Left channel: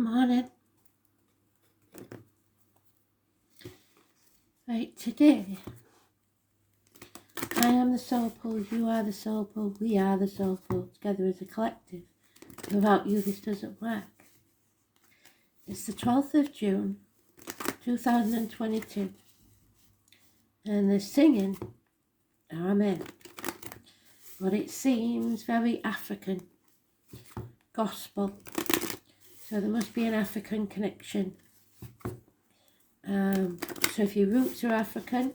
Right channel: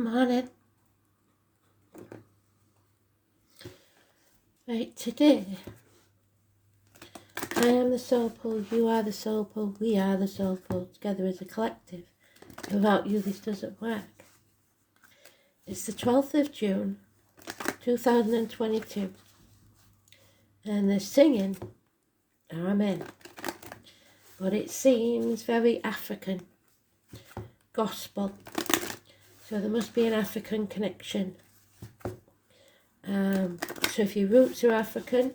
Morning. Right, today I am the soul pool, you are the soul pool, we are the soul pool, together as a collective. Without you this doesn't work. It's the 12th of June 2022 and they're singing Amen, but it seems very African gospel, so there must be an African connection. So if your roots are African,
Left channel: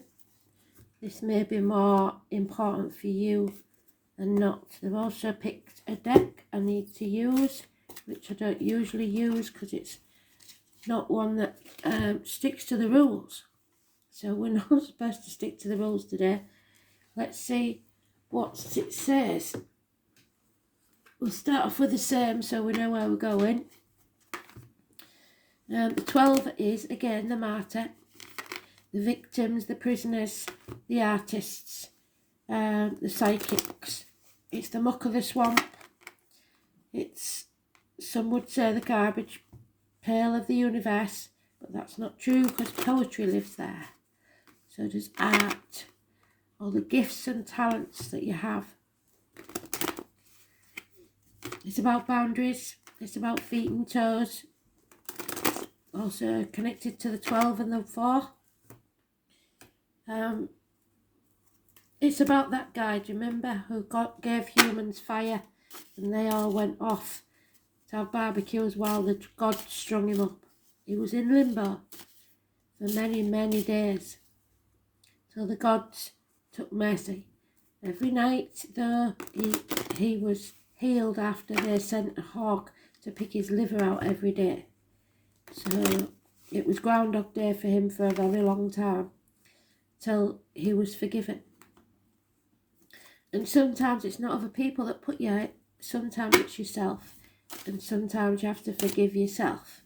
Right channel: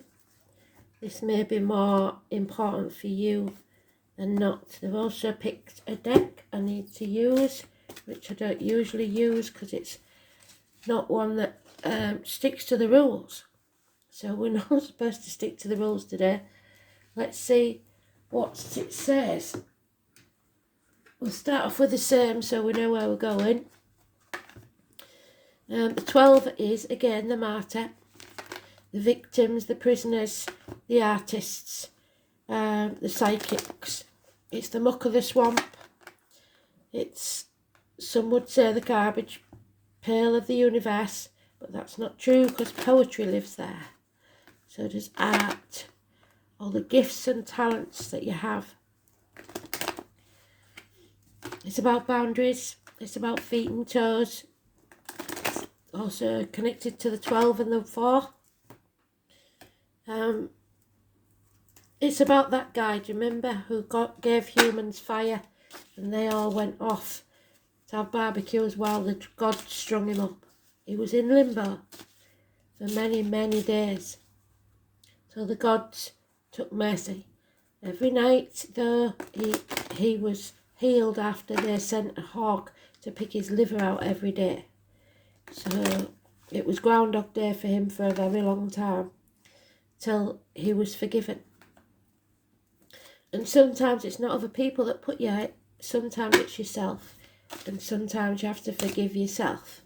this may be more important for you than not. They've also picked a deck I need to use, which I don't usually use because it's not one that sticks to the rules. So we're not supposed to stick to the rules today. Let's see what it says. We'll start off with the same so we know where we're going. The 12 is, again, the martyr, the victims, the prisoners, the artists, the psychics. It's the muck of the swamp. It's, some would say, the garbage pail of the universe, but that's not true because poetry lives there. So does art, all the gifts and talents that you have. It's about boundaries, it's about feet and toes. Also connected to the 12 and the 4. It's about that guy, do you remember, who gave humans fire and they all went off to have barbecues while the god strung him up. He was in limbo for many, many days. So the gods took mercy. Every night, though, he was healed after they sent a hawk to pick his liver out every day. So it was Groundhog Day for him for a very long time, till he was forgiven. And sometimes it's not other people that put you out, sometimes it's yourself, and sometimes you have to forgive yourself.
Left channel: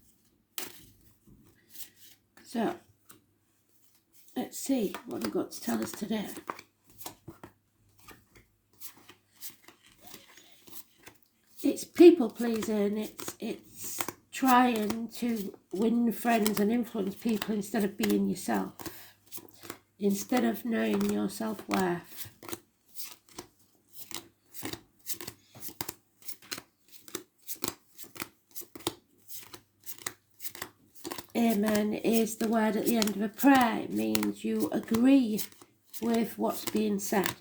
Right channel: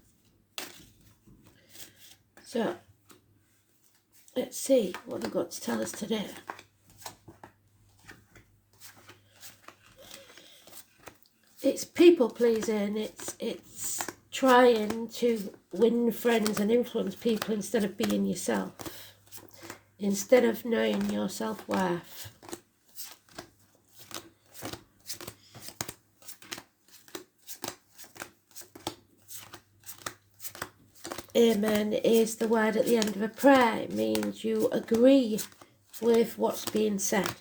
So, let's see what we've got to tell us today. It's people pleasing, it's trying to win friends and influence people instead of being yourself, instead of knowing your self-worth. Amen is the word at the end of a prayer. It means you agree with what's being said.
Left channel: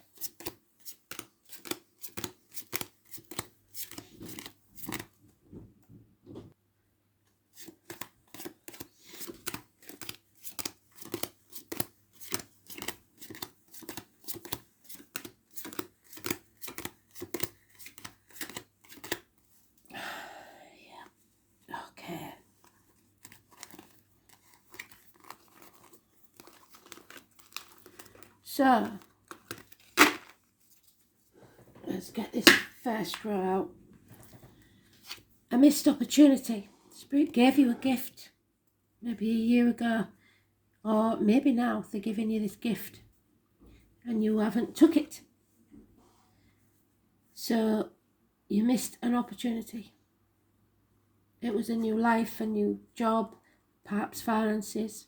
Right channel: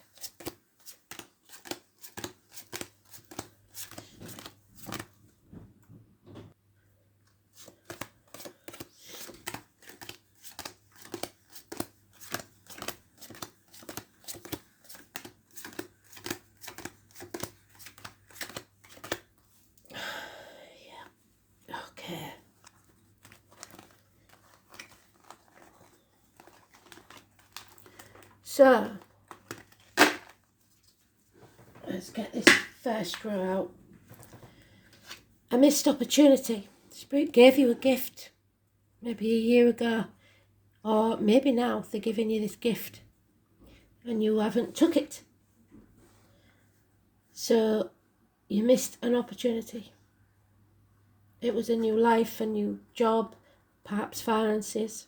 So, let's get this first row out. A missed opportunity. Spirit gave you a gift, maybe a year ago, or maybe now they're giving you this gift and you haven't took it. So, you missed an opportunity. It was a new life, a new job, perhaps finances.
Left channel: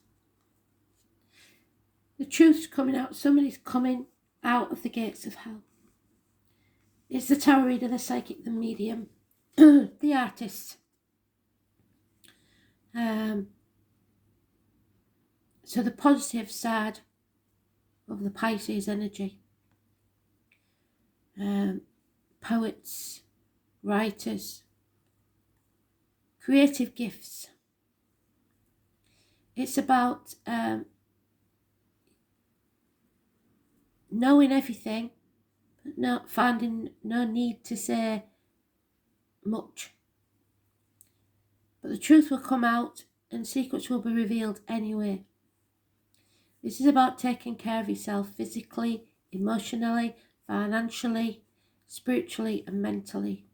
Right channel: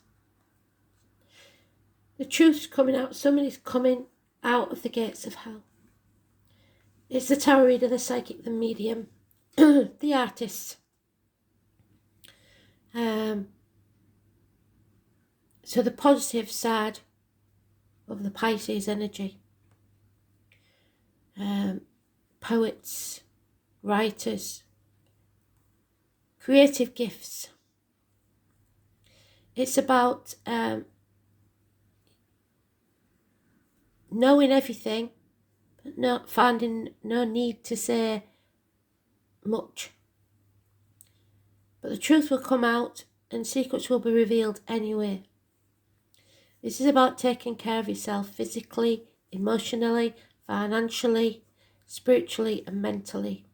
The truth's coming out. Somebody's coming out of the gates of hell. It's the tarot reader, the psychic, the medium, the artist. So the positive side of the Pisces energy. Poets, writers, creative gifts. It's about knowing everything, but not finding no need to say much. But the truth will come out and secrets will be revealed anyway. This is about taking care of yourself physically, emotionally, financially, spiritually and mentally.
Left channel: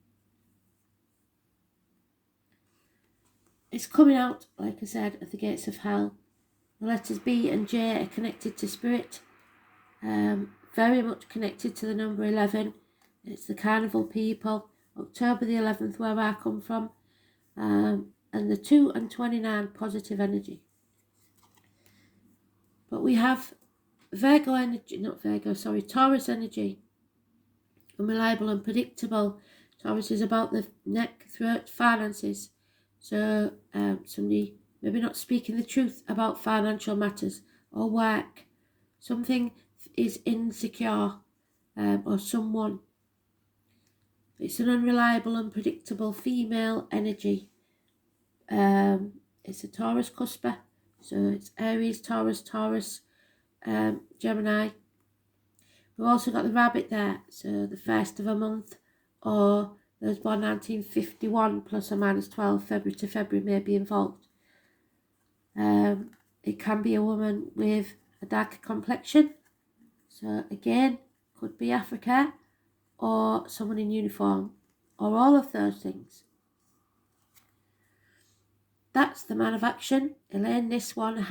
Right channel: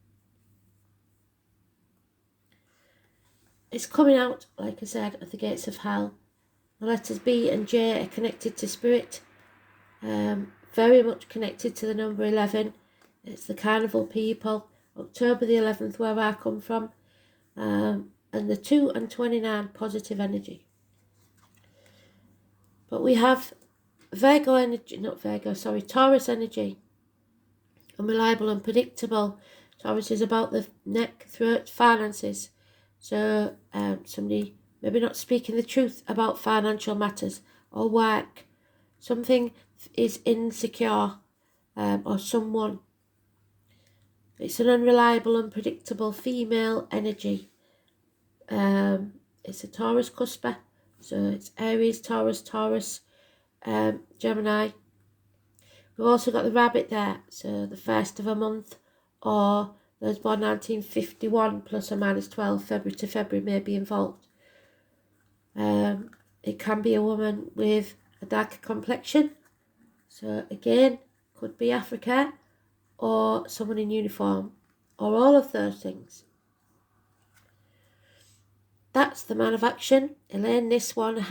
It's coming out, like I said, at the gates of hell. The letters B and J are connected to spirit. Very much connected to the number 11. It's the carnival people. October the 11th, where I come from. and the 2 and 29 positive energy. But we have Taurus energy, unreliable, unpredictable. Taurus is about the neck, throat, finances. So somebody maybe not speaking the truth about financial matters or work. Something is insecure, or someone. It's an unreliable, unpredictable female energy. It's a Taurus cusper. So it's Aries, Taurus, Gemini. We've also got the rabbit there, so the first of a month, or those born 1951 plus or minus 12 February to February may be involved. It can be a woman with a darker complexion, so again, could be Africa, or someone in uniform, or all of those things. That's the man of action. Elaine, this one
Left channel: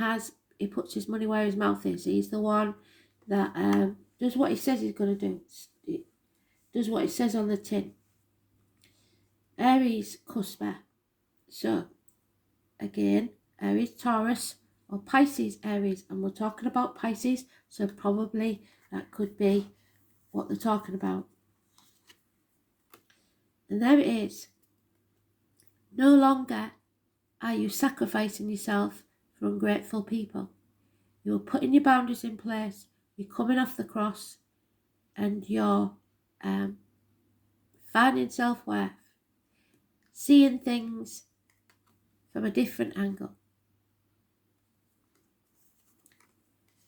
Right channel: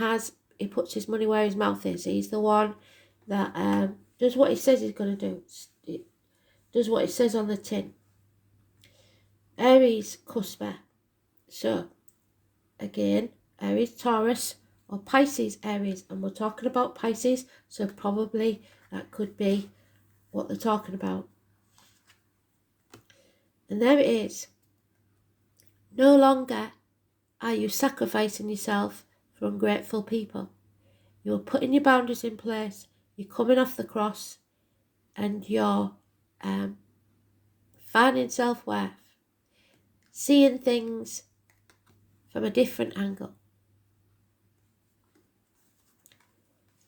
he puts his money where his mouth is. He's the one that does what he says he's going to do. It does what it says on the tin. Aries, cusper. So, again, Aries, Taurus, or Pisces, Aries. And we're talking about Pisces, so probably that could be what they're talking about. And there it is. No longer are you sacrificing yourself for ungrateful people. You're putting your boundaries in place. You're coming off the cross, and you're finding self-worth, seeing things from a different angle,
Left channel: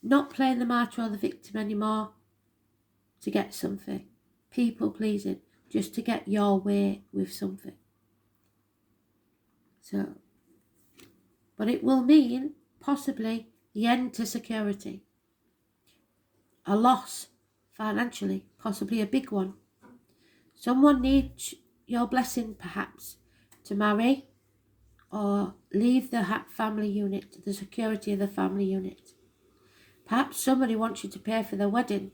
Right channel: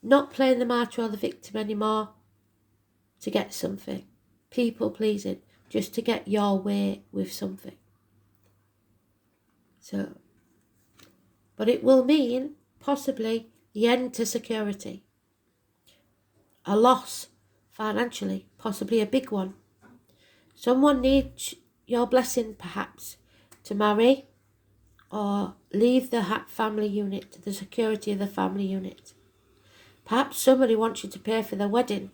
not playing the martyr or the victim anymore to get something, people pleasing, just to get your way with something. So, but it will mean possibly the end to security, a loss financially, possibly a big one. Someone needs your blessing perhaps to marry or leave the family unit, the security of the family unit. Perhaps somebody wants you to pay for their wedding,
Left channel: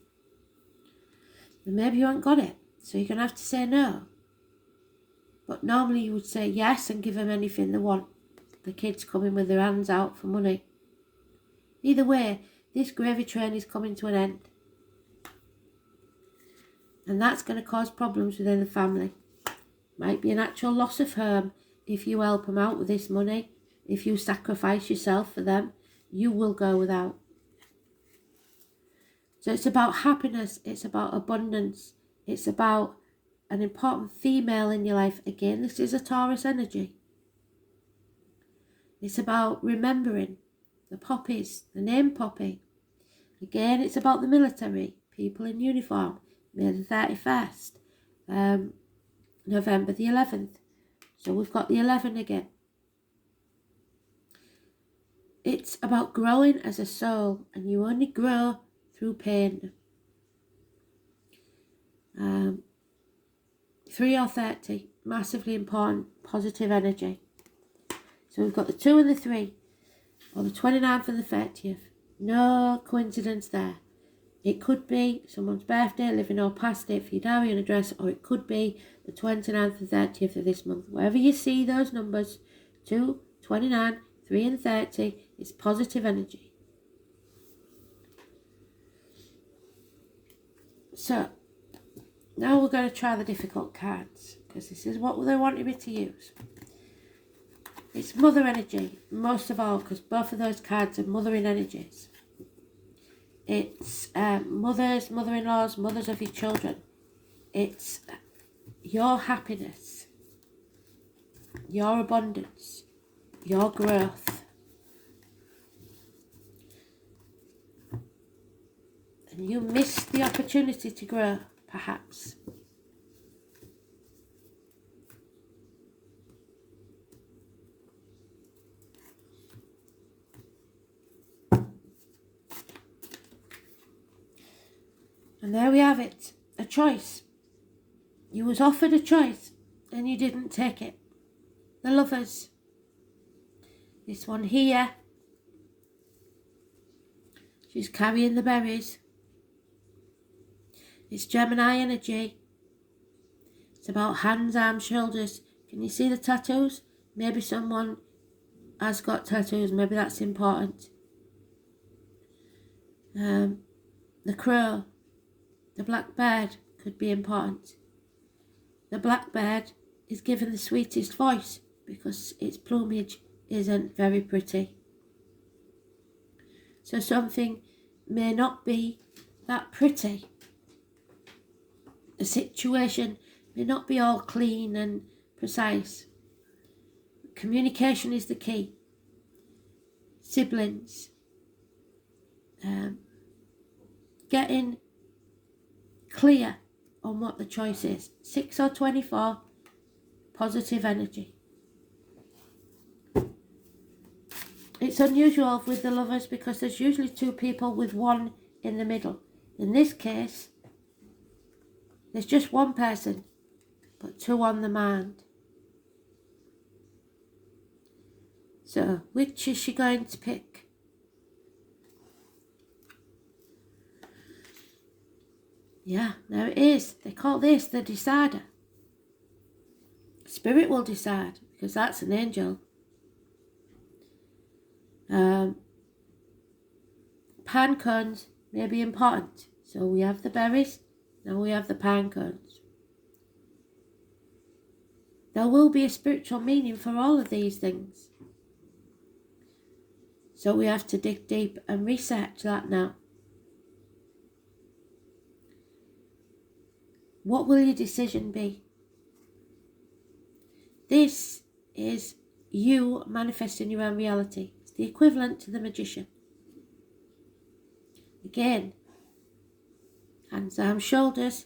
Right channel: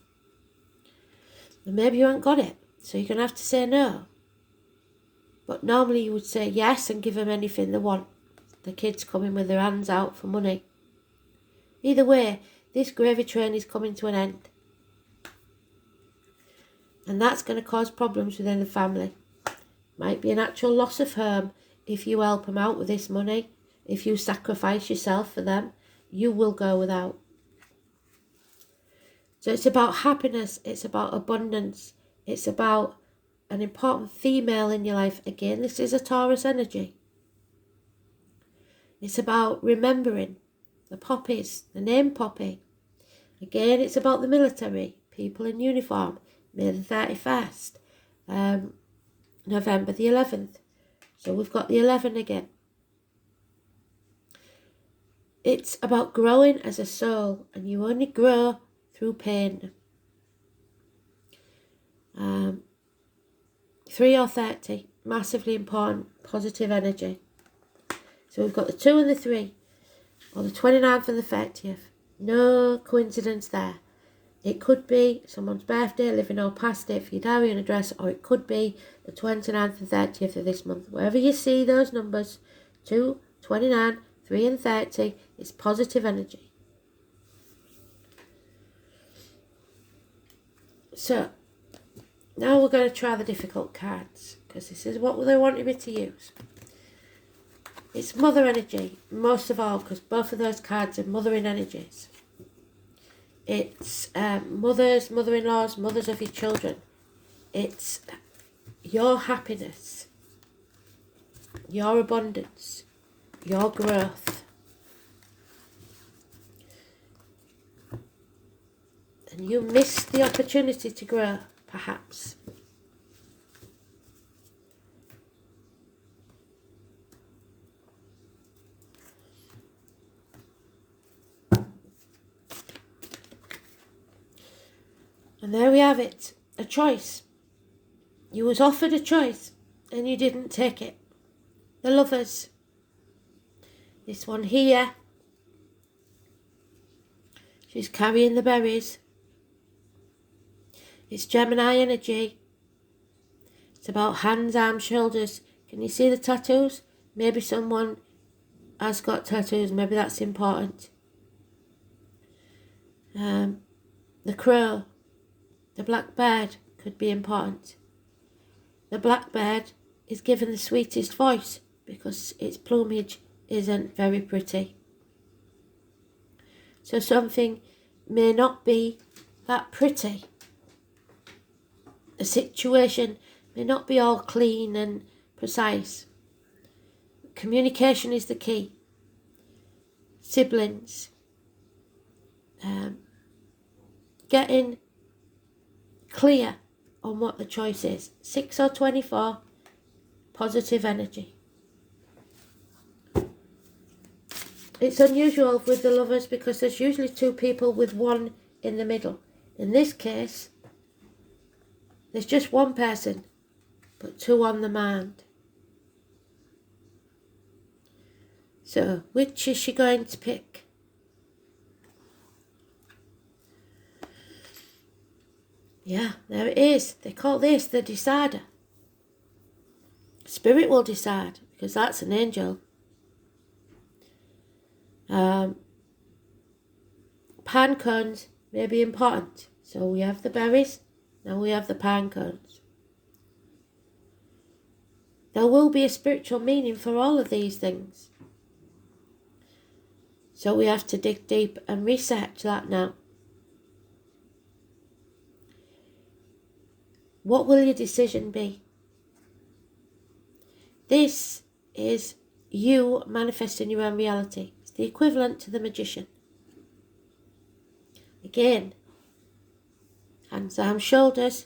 and maybe you haven't got it, so you're going to have to say no. But normally you would say yes and give them anything they want. The kids coming with their hands out for money. Either way, this gravy train is coming to an end. And that's going to cause problems within the family. Might be an actual loss of home if you help them out with this money. If you sacrifice yourself for them, you will go without. So it's about happiness, it's about abundance, it's about an important female in your life. Again, this is a Taurus energy. It's about remembering the poppies, the name Poppy. Again, it's about the military, people in uniform, May the 31st, November the 11th. So we've got the 11 again. It's about growing as a soul, and you only grow through pain. 3 or 30, massively important, positive energy. So we've got the 2 and the 3, or the 29th and the 30th. No coincidence there. It could be someone's birthday, living or past it for your diary and address, or it could be the 29th and 30th of this month. Wherever you see those numbers, 2, 29, 3 and 30, it's positive energy. So, now we're going to try the difficult cards, because this is what they wanted me to use. It's mother energy, most of all, because both of those cards are mothering energies. It's mothers, mother-in-laws, mothers of your children. It's your happiness, your abundance, your growth. And you missed the opportunity to grow, perhaps. And there we have it, a choice. You was offered a choice and you didn't take it. The Lovers. This one here. She's carrying the berries. It's Gemini energy. It's about hands, arms, shoulders. Can you see the tattoos? Maybe someone has got tattoos. Maybe that's important. The crow, the black bird could be important. The black bird is given the sweetest voice because its plumage isn't very pretty. So something may not be that pretty. The situation may not be all clean and precise. Communication is the key. Siblings. Getting clear on what the choice is. 6 or 24, positive energy. It's unusual with the lovers because there's usually two people with one in the middle. In this case, there's just one person, but two on the mind. So, which is she going to pick? Yeah, there it is. They call this the decider. Spirit will decide because that's an angel. Pine cones may be important. So we have the berries, now we have the pine cones. There will be a spiritual meaning for all of these things. So we have to dig deep and research that now. What will your decision be? This is you manifesting your own reality. It's the equivalent to the magician. Again, hands, arms, shoulders,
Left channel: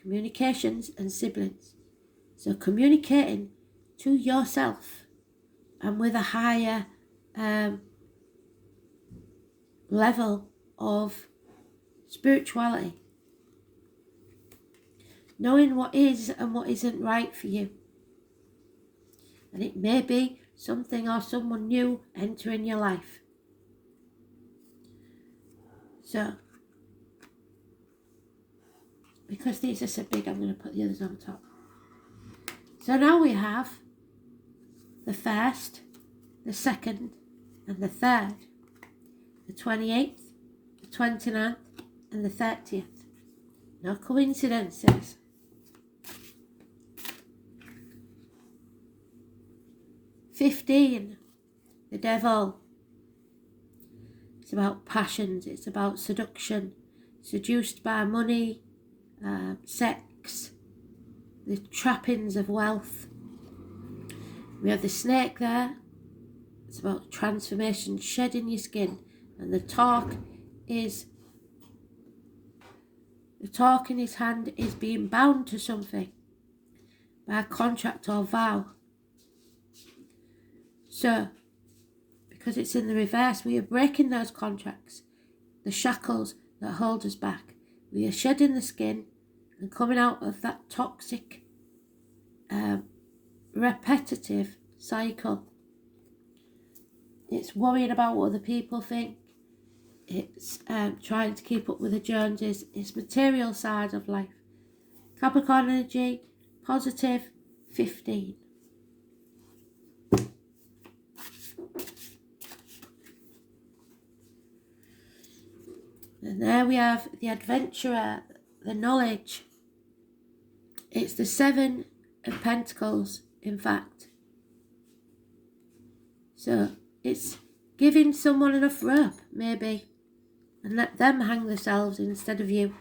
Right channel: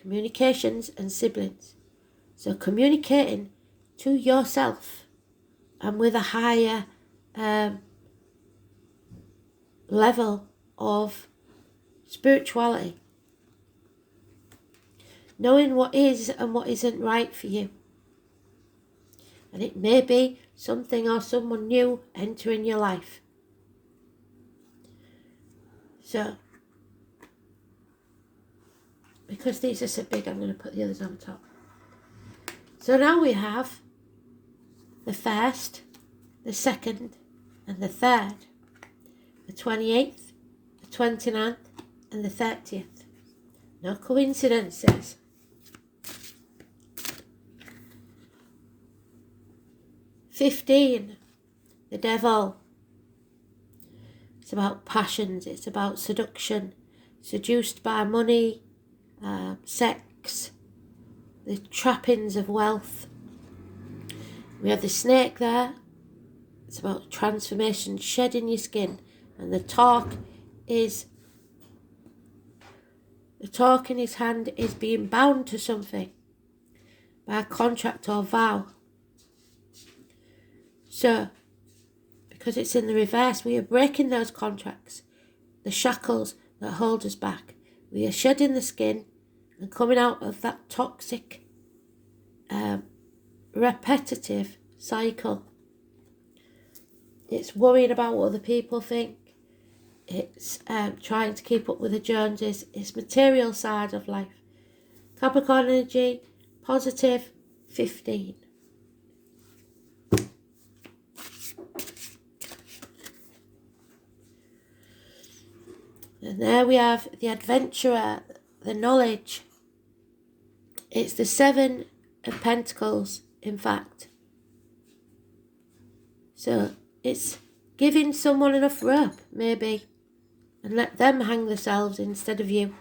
communications and siblings. So communicating to yourself and with a higher level of spirituality. Knowing what is and what isn't right for you. And it may be something or someone new entering your life. So, because these are so big, I'm going to put the others on top. So now we have the 1st, the 2nd, and the 3rd, the 28th, the 29th, and the 30th. No coincidences. "15, the devil. It's about passions, it's about seduction, seduced by money, sex, the trappings of wealth. We have the snake there. It's about transformation, shedding your skin. And the talk in his hand is being bound to something by a contract or vow. So, because it's in the reverse, we are breaking those contracts, the shackles that hold us back. We are shedding the skin and coming out of that toxic, repetitive cycle. It's worrying about what other people think. It's trying to keep up with the Joneses. It's material side of life. Capricorn energy, positive, 15. And there we have the adventurer, the knowledge. It's the 7 of Pentacles, in fact. So it's giving someone enough rope, maybe, and let them hang themselves instead of you.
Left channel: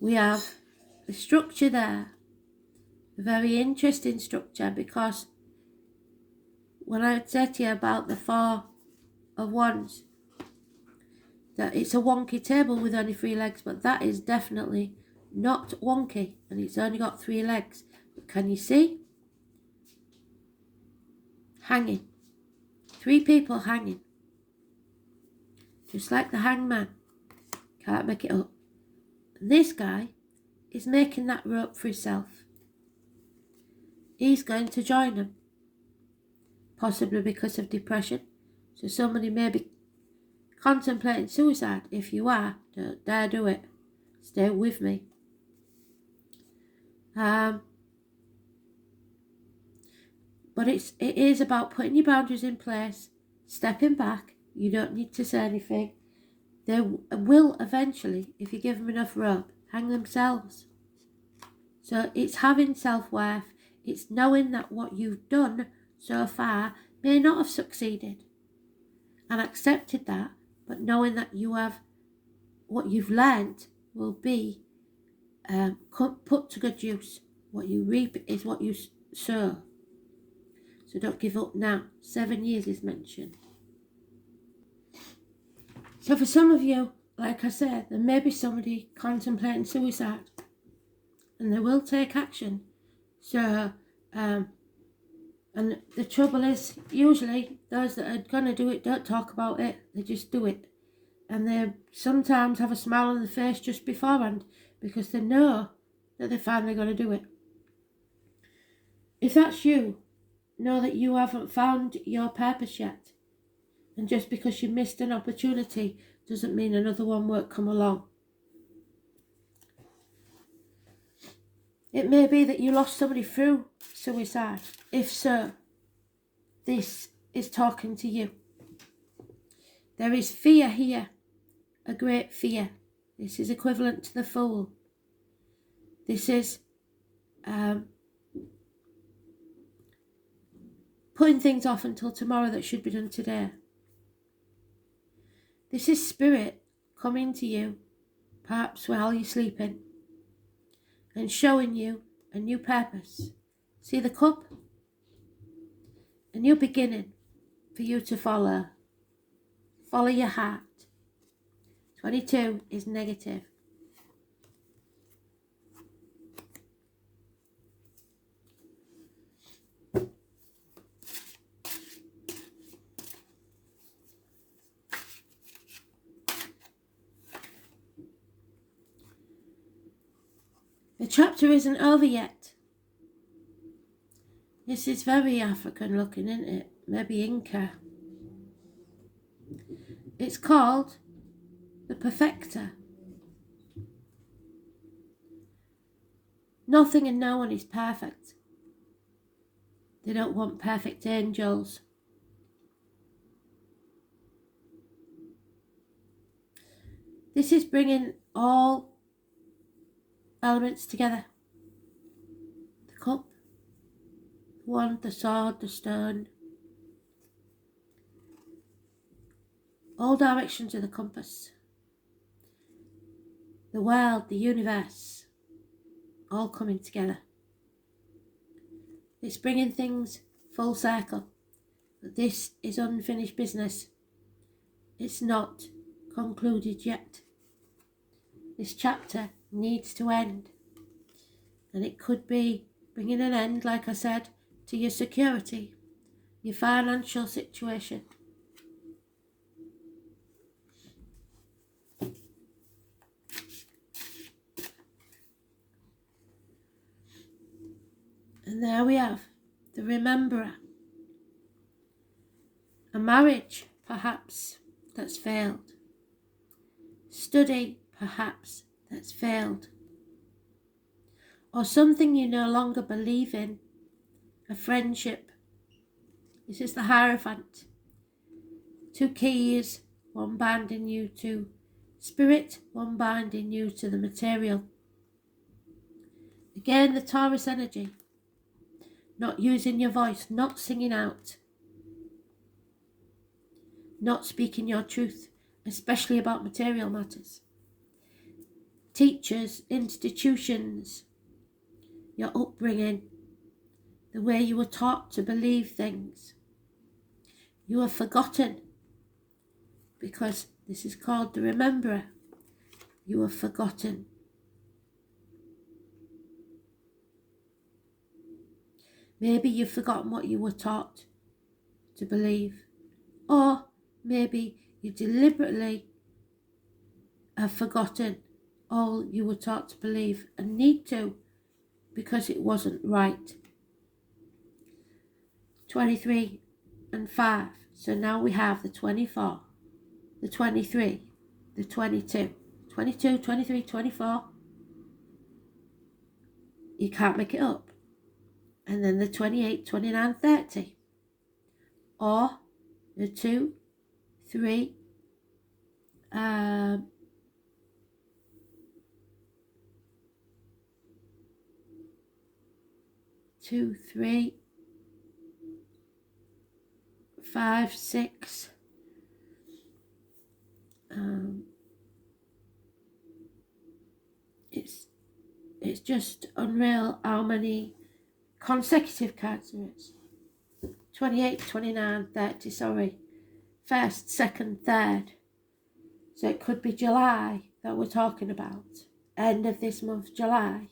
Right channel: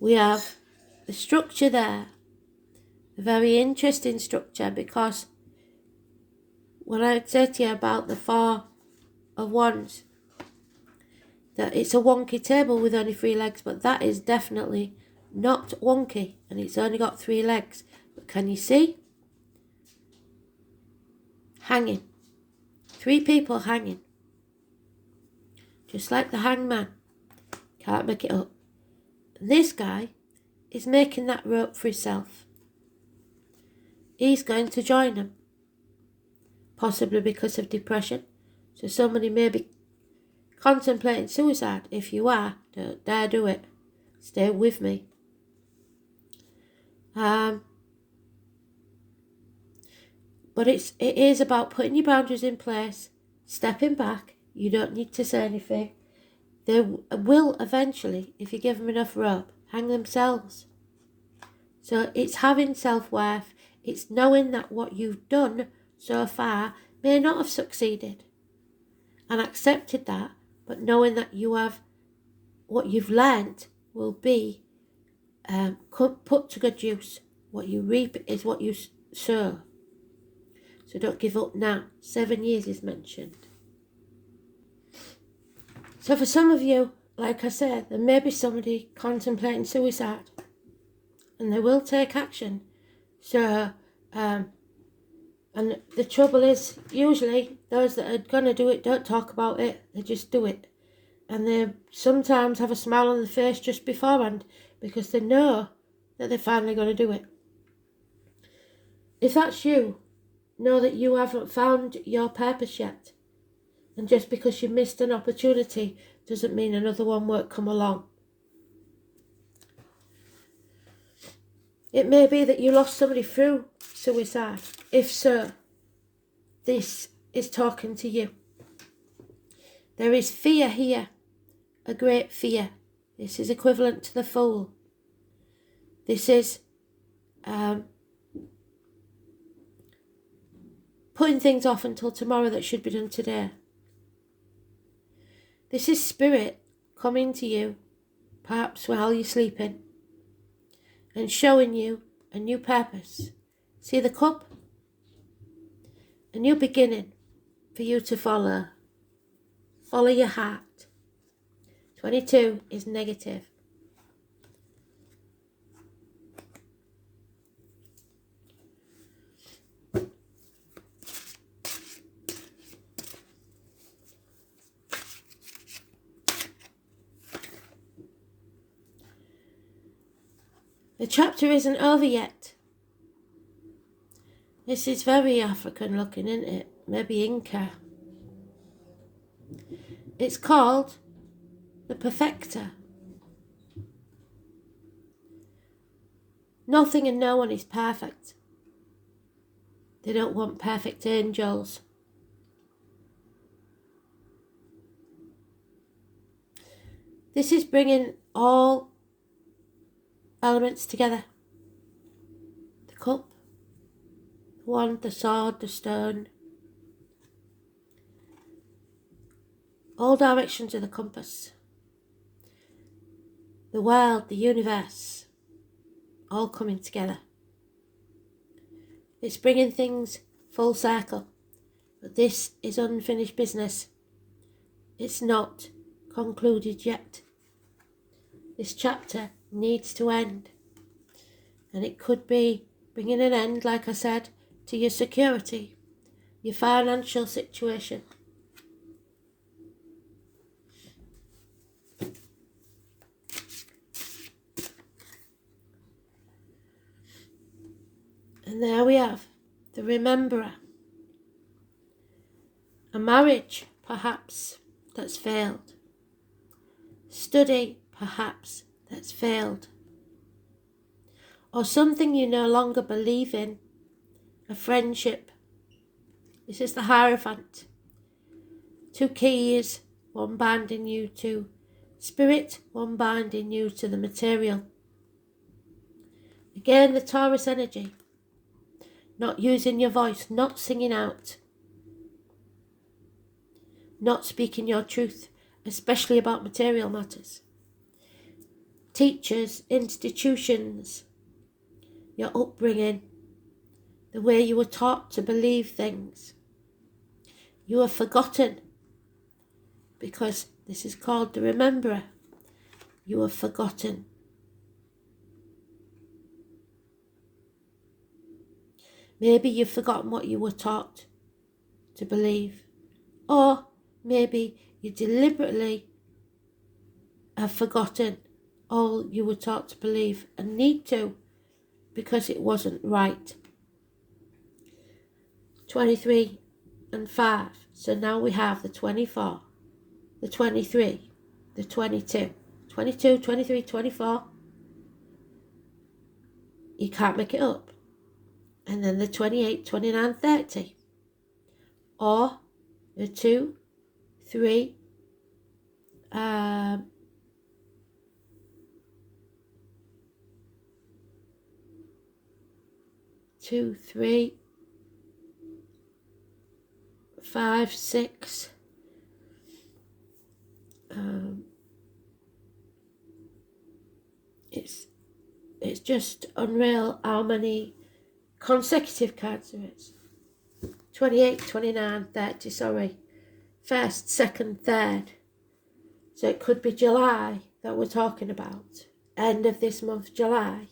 We have the structure there, a very interesting structure, because when I said to you about the 4 of Wands, that it's a wonky table with only 3 legs, but that is definitely not wonky, and it's only got 3 legs. But can you see? Hanging. 3 people hanging. Just like the hangman. Can't make it up. This guy is making that rope for himself. He's going to join them. Possibly because of depression. So somebody may be contemplating suicide. If you are, don't dare do it. Stay with me. But it is about putting your boundaries in place, stepping back. You don't need to say anything. They will eventually, if you give them enough rope, hang themselves. So it's having self-worth. It's knowing that what you've done so far may not have succeeded, and accepted that, but knowing that you have what you've learnt will be put to good use. What you reap is what you sow. So don't give up now. 7 years is mentioned. So for some of you, like I said, there may be somebody contemplating suicide, and they will take action. So, and the trouble is, usually those that are going to do it don't talk about it, they just do it. And they sometimes have a smile on their face just beforehand, because they know that they're finally going to do it. If that's you, know that you haven't found your purpose yet. And just because you missed an opportunity doesn't mean another one won't come along. It may be that you lost somebody through suicide. If so, this is talking to you. There is fear here, a great fear. This is equivalent to the Fool. This is putting things off until tomorrow that should be done today. This is spirit coming to you, perhaps while you're sleeping, and showing you a new purpose. See the cup? A new beginning for you to follow. Follow your heart. 22 is negative. The chapter isn't over yet. This is very African looking, isn't it? Maybe Inca. It's called the Perfecter. Nothing and no one is perfect. They don't want perfect angels. This is bringing all elements together. The cup, the wand, the sword, the stone. All directions of the compass. The world, the universe, all coming together. It's bringing things full circle. But this is unfinished business. It's not concluded yet. This chapter needs to end. And it could be bringing an end, like I said, to your security, your financial situation. And there we have the Rememberer. A marriage, perhaps, that's failed. Study, perhaps, that's failed. Or something you no longer believe in. A friendship. This is the Hierophant. 2 keys, one binding you to spirit, one binding you to the material. Again, the Taurus energy. Not using your voice, not singing out. Not speaking your truth, especially about material matters. Teachers, institutions, your upbringing, the way you were taught to believe things. You are forgotten, because this is called the Rememberer. You are forgotten. Maybe you've forgotten what you were taught to believe. Or maybe you deliberately have forgotten all you were taught to believe and need to, because it wasn't right. 23 and 5. So now we have the 24, the 23, the 22. 22, 23, 24. You can't make it up. and then the 28, 29, 30. Or the 2, 3, 2, 3, 5, 6. It's just unreal how many consecutive cards there is. 28, 29, 30, sorry. First, second, third. So it could be July that we're talking about. End of this month, July.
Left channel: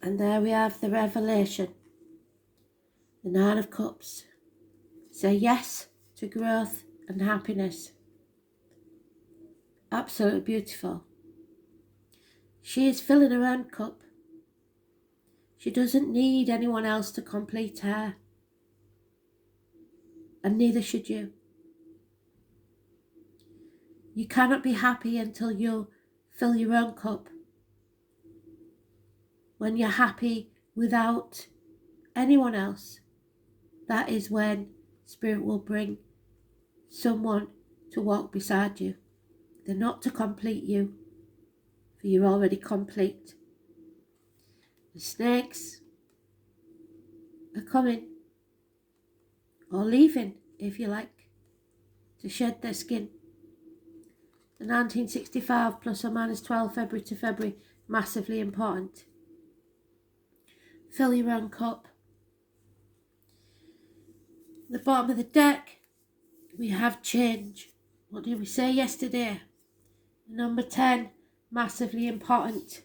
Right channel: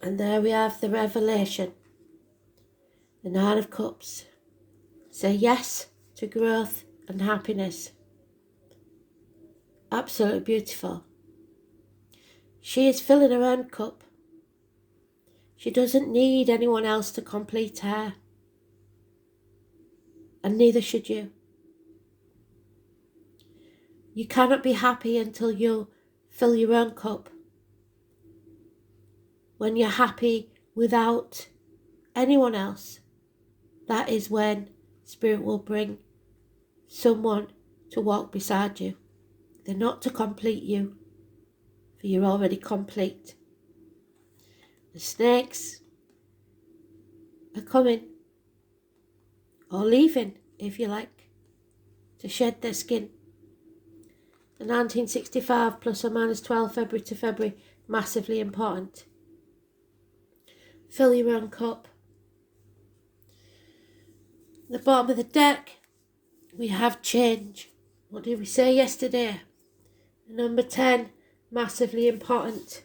And there we have the revelation. The Nine of Cups. Say yes to growth and happiness. Absolutely beautiful. She is filling her own cup. She doesn't need anyone else to complete her. And neither should you. You cannot be happy until you fill your own cup. When you're happy without anyone else, that is when Spirit will bring someone to walk beside you. They're not to complete you, for you're already complete. The snakes are coming, or leaving, if you like, to shed their skin. The 1965 plus or minus 12 February to February, massively important. Fill your own cup. At the bottom of the deck, we have change. What did we say yesterday? Number 10, massively important.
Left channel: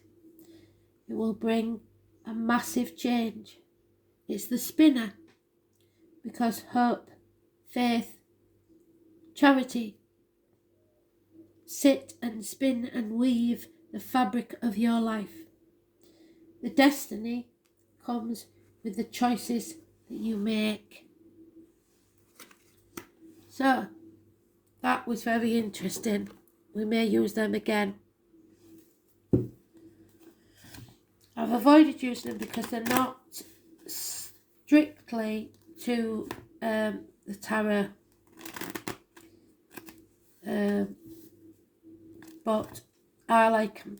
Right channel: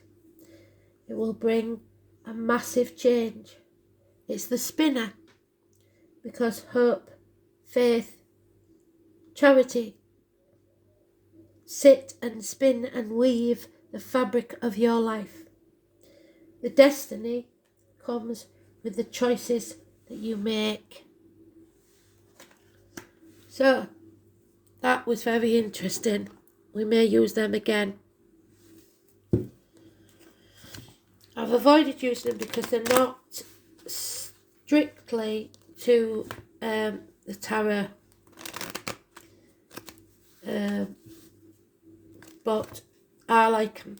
It will bring a massive change. It's the spinner, because hope, faith, charity sit and spin and weave the fabric of your life. The destiny comes with the choices that you make. So, that was very interesting. We may use them again. I've avoided using them because they're not strictly to the tarot, but I like them.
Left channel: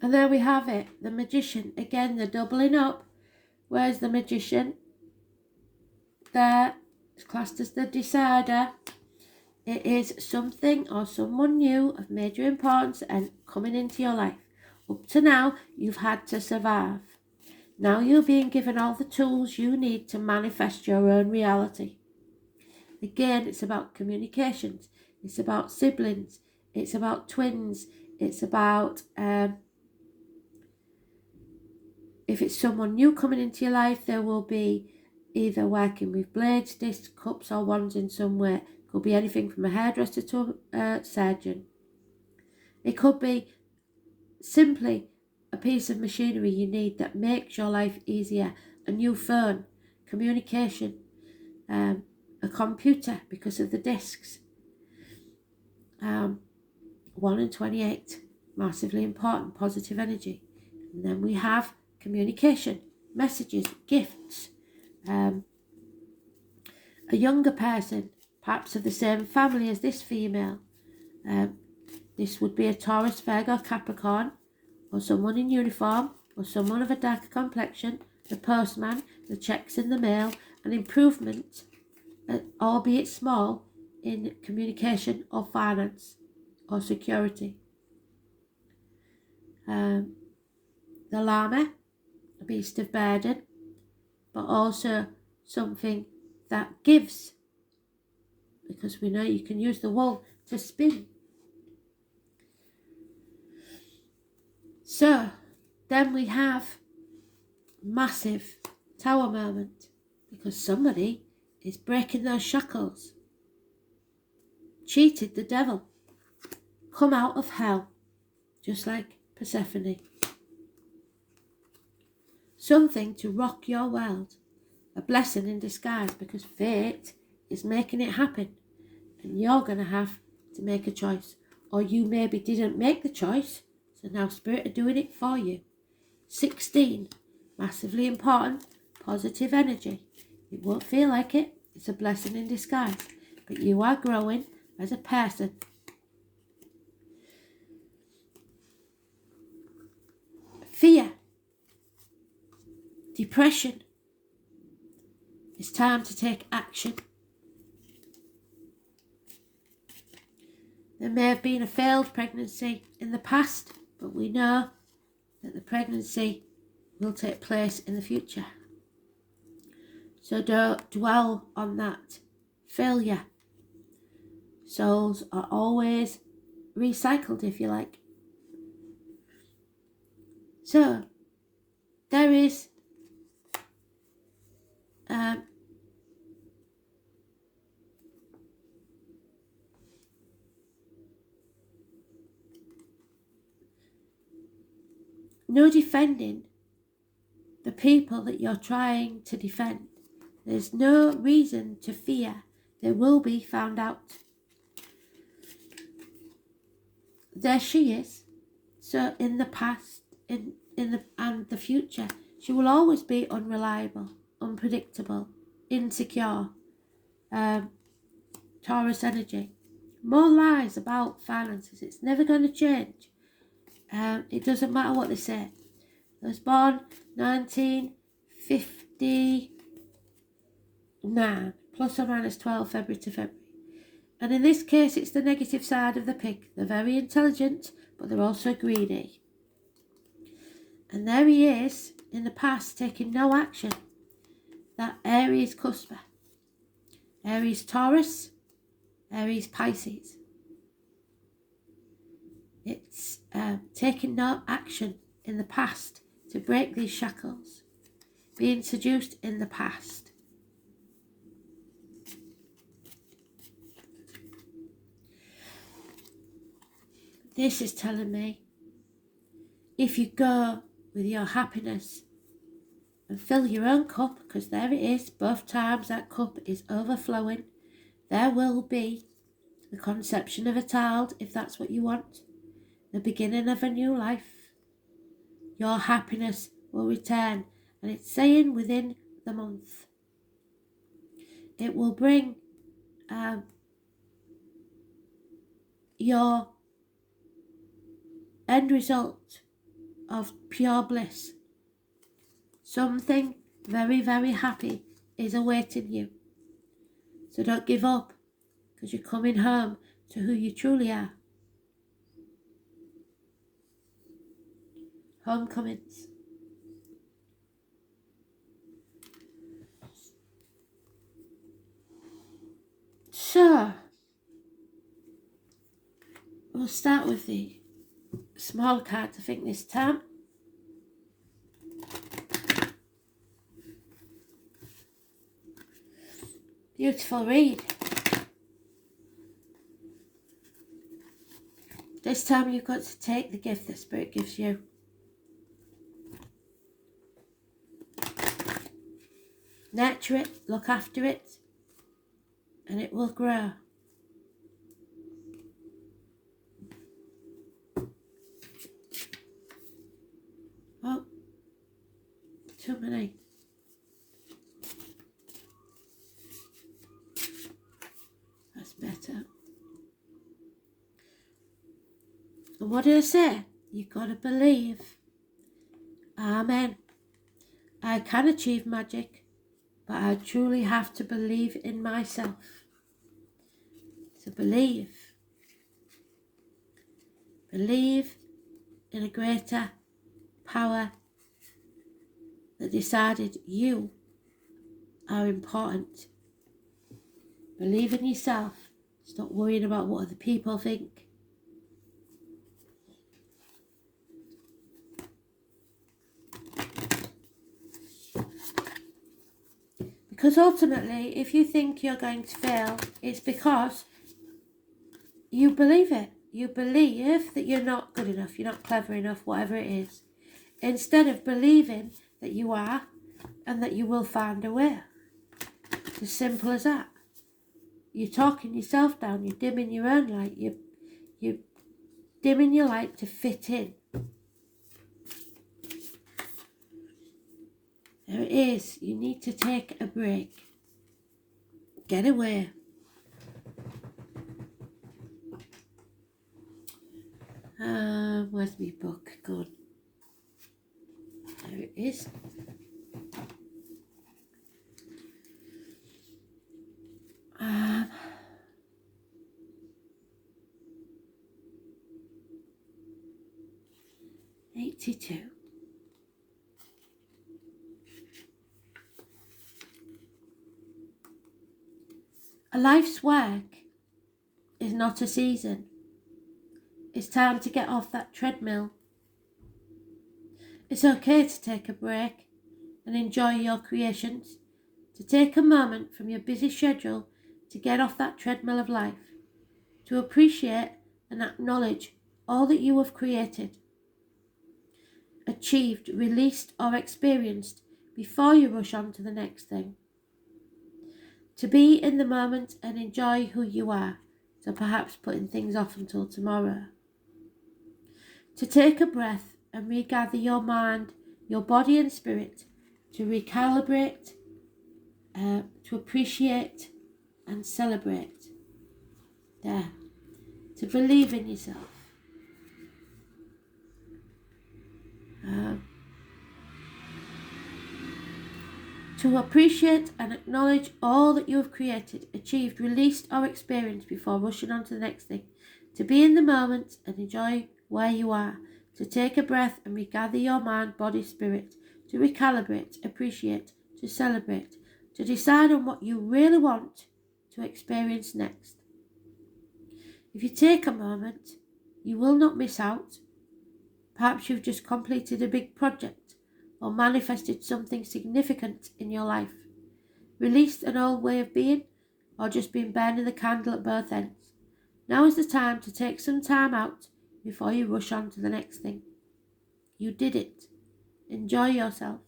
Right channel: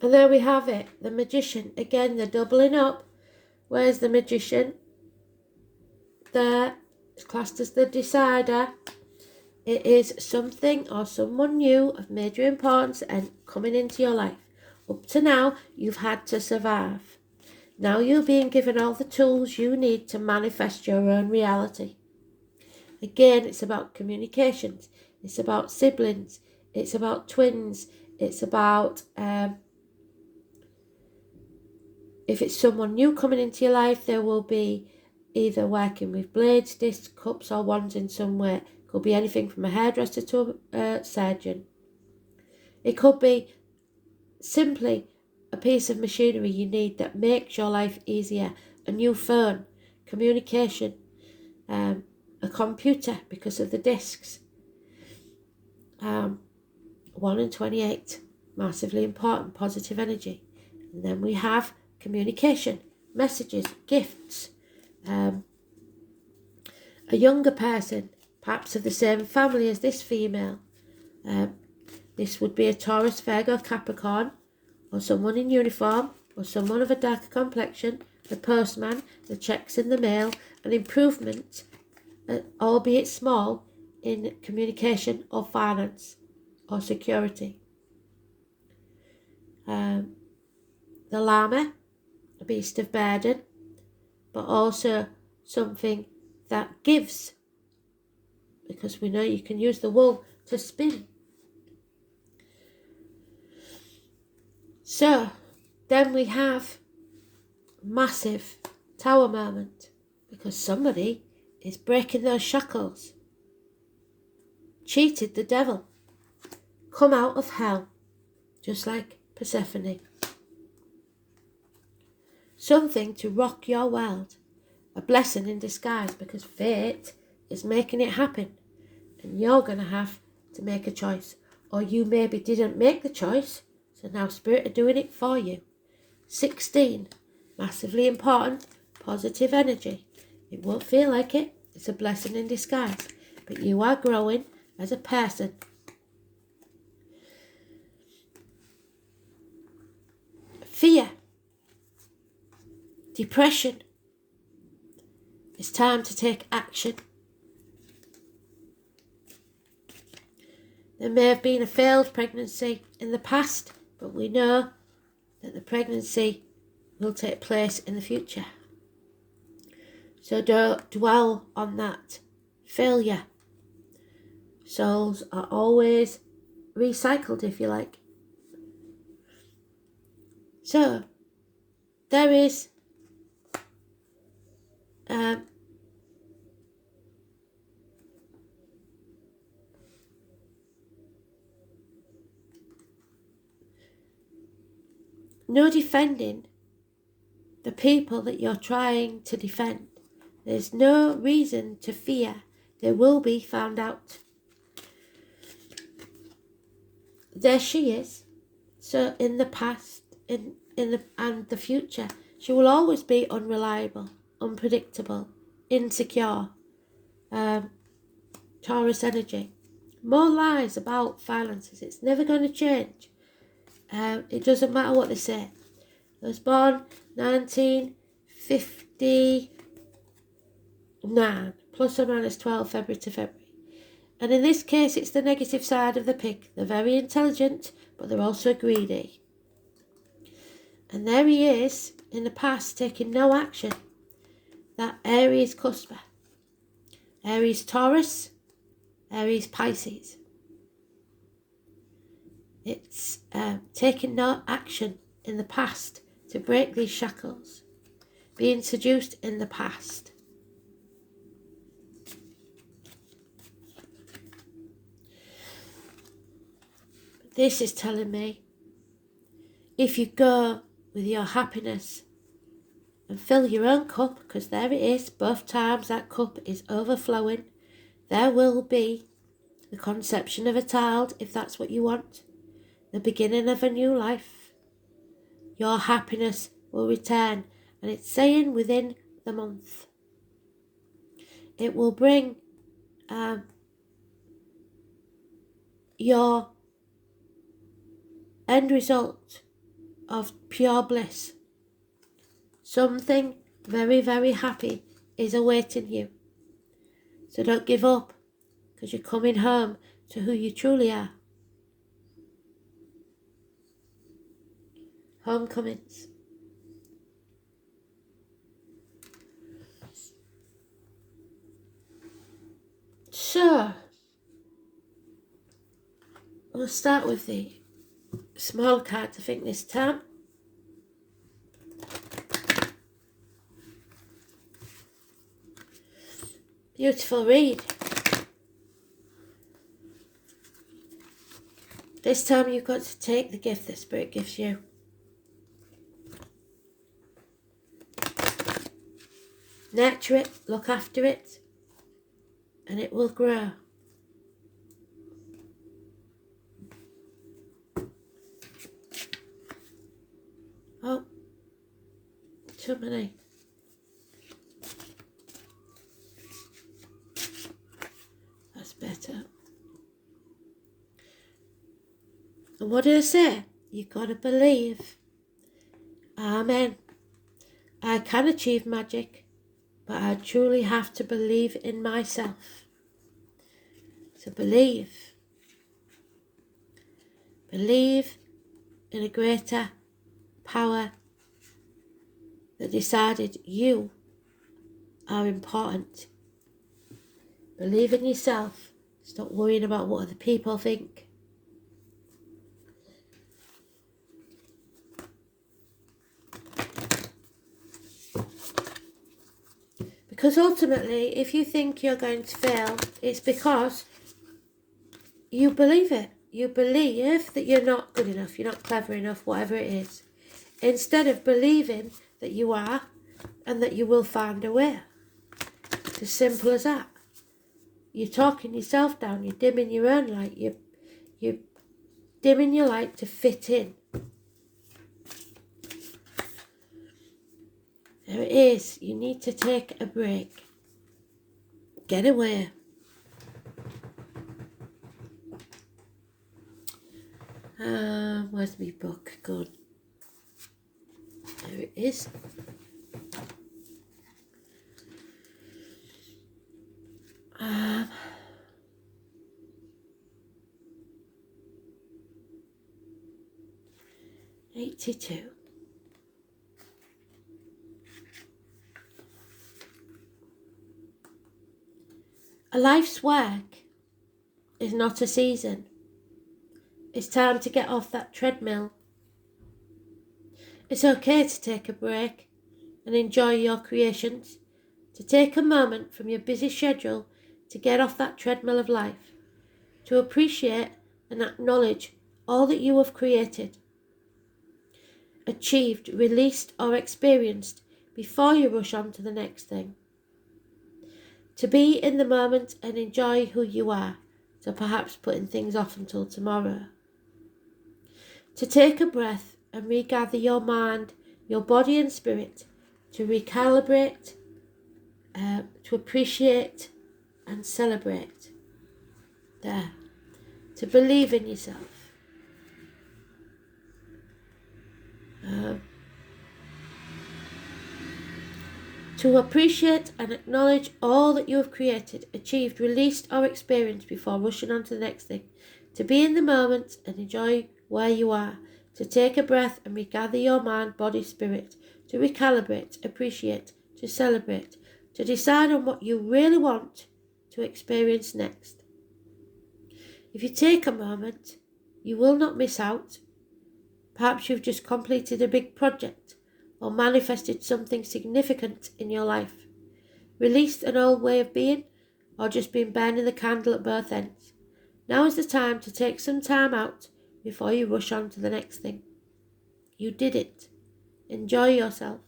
And there we have it, the Magician. Again, they're doubling up. Where's the Magician? There, it's classed as the decider. It is something or someone new of major importance and coming into your life. Up to now, you've had to survive. Now you're being given all the tools you need to manifest your own reality. Again, it's about communications. It's about siblings. It's about twins. It's about... if it's someone new coming into your life, there will be either working with blades, discs, cups or wands in some way. It could be anything from a hairdresser to a surgeon. It could be simply a piece of machinery you need that makes your life easier. A new phone, communication, a computer because of the discs. 1 and 28, massively important, positive energy. And then we have communication, messages, gifts. A younger person, perhaps of the same family as this female. This would be a Taurus, Virgo, Capricorn, or someone in uniform, or someone of a darker complexion, the postman, the checks in the mail, an improvement, albeit small, in communication or finance or security. The llama, a beast of burden, but also something that gives, because we know you can use the wool to spin. So then we have massive tower moment. because somebody is breaking those shackles. Cheated the devil. Come out of hell, just like Persephone. Something to rock your world. A blessing in disguise, because fate is making it happen. And you're going to have to make a choice. Or you maybe didn't make the choice, so now Spirit are doing it for you. 16, massively important, positive energy. It won't feel like it. It's a blessing in disguise. But you are growing as a person. Fear. Depression. It's time to take action. There may have been a failed pregnancy in the past, but we know that the pregnancy will take place in the future. So don't dwell on that failure. Souls are always recycled, if you like. So there is no defending the people that you're trying to defend. There's no reason to fear they will be found out. There she is. So in the past, and the future, she will always be unreliable, unpredictable, insecure. Taurus energy. More lies about finances. It's never going to change. It doesn't matter what they say. I was born 1959, plus or minus 12 February to February. And in this case, it's the negative side of the pig. They're very intelligent, but they're also greedy. And there he is, in the past, taking no action. That Aries cusper. Aries Taurus, Aries Pisces. It's taking no action in the past to break these shackles. Being seduced in the past. This is telling me, if you go with your happiness and fill your own cup, because there it is, both times that cup is overflowing, there will be the conception of a child, if that's what you want, the beginning of a new life. Your happiness will return, and it's saying within the month. It will bring your end result of pure bliss. Something very, very happy is awaiting you. So don't give up, because you're coming home to who you truly are. Homecomings. So, we'll start with the small card, I think, this time. Beautiful read. This time you've got to take the gift that Spirit gives you. Nurture it, look after it, and it will grow. Oh, too many. That's better. And what did I say? You've got to believe. Amen. I can achieve magic, but I truly have to believe in myself. So believe. Believe in a greater power that decided you are important. Believe in yourself. Stop worrying about what other people think. Because ultimately, if you think you're going to fail, it's because you believe it. You believe that you're not good enough, you're not clever enough, whatever it is. Instead of believing that you are and that you will find a way. It's as simple as that. You're talking yourself down, you're dimming your own light, you're dimming your light to fit in. There it is. You need to take a break. Get away. Where's my book? Good. There it is. Um, 82. A life's work is not a season. It's time to get off that treadmill. It's okay to take a break and enjoy your creations, to take a moment from your busy schedule to get off that treadmill of life, to appreciate and acknowledge all that you have created, achieved, released or experienced before you rush on to the next thing. To be in the moment and enjoy who you are, so perhaps putting things off until tomorrow. To take a breath and regather your mind, your body and spirit, to recalibrate, to appreciate and celebrate. There. To believe in yourself. To appreciate and acknowledge all that you have created, achieved, released or experienced before rushing on to the next thing. To be in the moment and enjoy where you are. To take a breath and regather your mind, body, spirit. To recalibrate, appreciate, to celebrate. To decide on what you really want to experience next. If you take a moment, you will not miss out. Perhaps you've just completed a big project or manifested something significant in your life, released an old way of being, or just been burning the candle at both ends. Now is the time to take some time out before you rush on to the next thing. You did it. Enjoy yourself.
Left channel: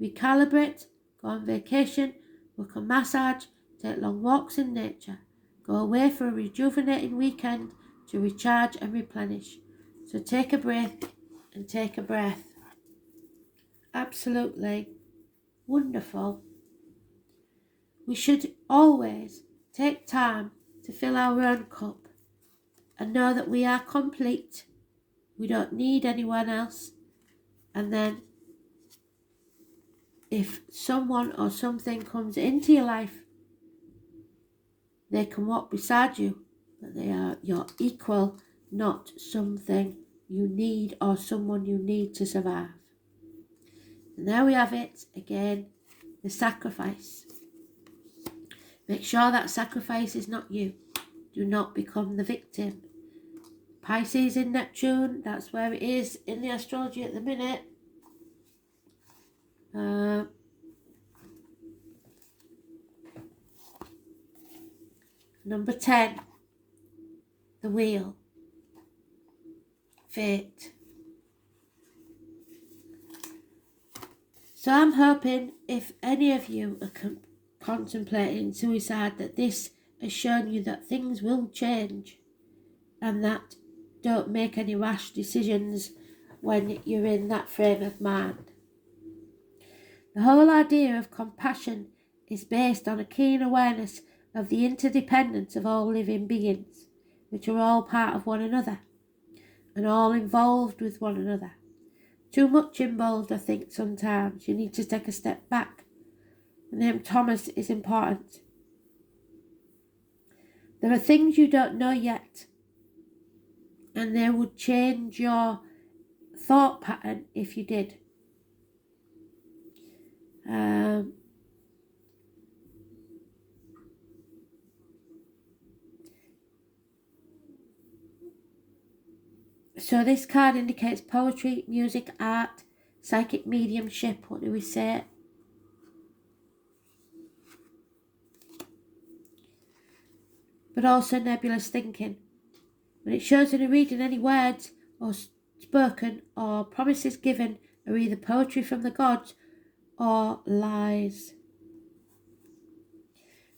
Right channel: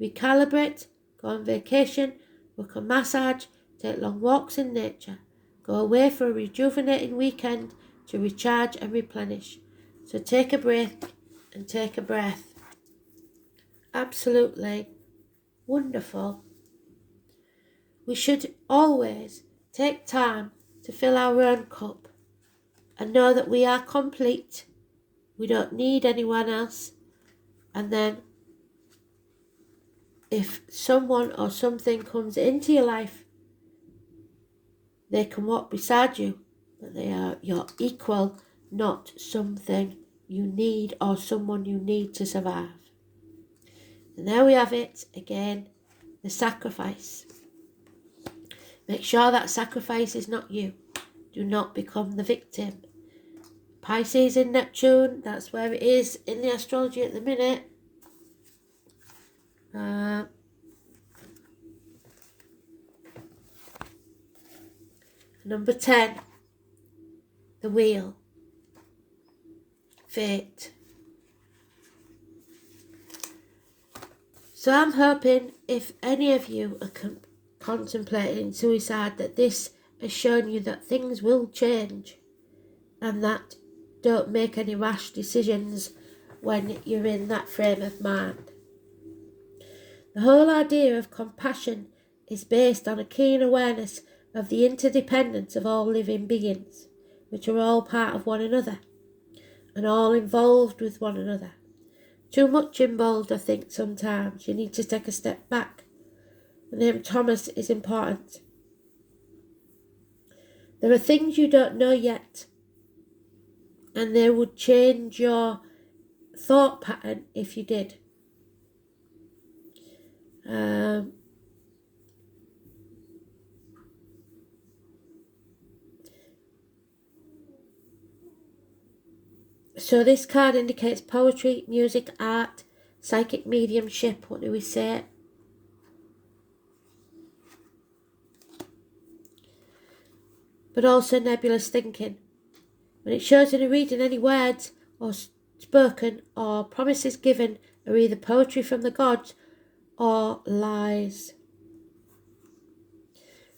Recalibrate, go on vacation, book a massage, take long walks in nature. Go away for a rejuvenating weekend to recharge and replenish. So take a break and take a breath. Absolutely wonderful. We should always take time to fill our own cup and know that we are complete. We don't need anyone else. And then if someone or something comes into your life, they can walk beside you, but they are your equal, not something you need or someone you need to survive. And there we have it again, the sacrifice. Make sure that sacrifice is not you. Do not become the victim. Pisces in Neptune, that's where it is in the astrology at the minute. Number 10, the wheel. Fate. So I'm hoping if any of you are contemplating suicide, that this has shown you that things will change and that don't make any rash decisions when you're in that frame of mind. The whole idea of compassion is based on a keen awareness of the interdependence of all living beings, which are all part of one another and all involved with one another. Too much involved, I think, sometimes. You need to take a step back. The name Thomas is important. There are things you don't know yet, and they would change your thought pattern if you did. So this card indicates poetry, music, art, psychic mediumship. What do we say? but also nebulous thinking. When it shows in a reading, any words or spoken or promises given are either poetry from the gods or lies.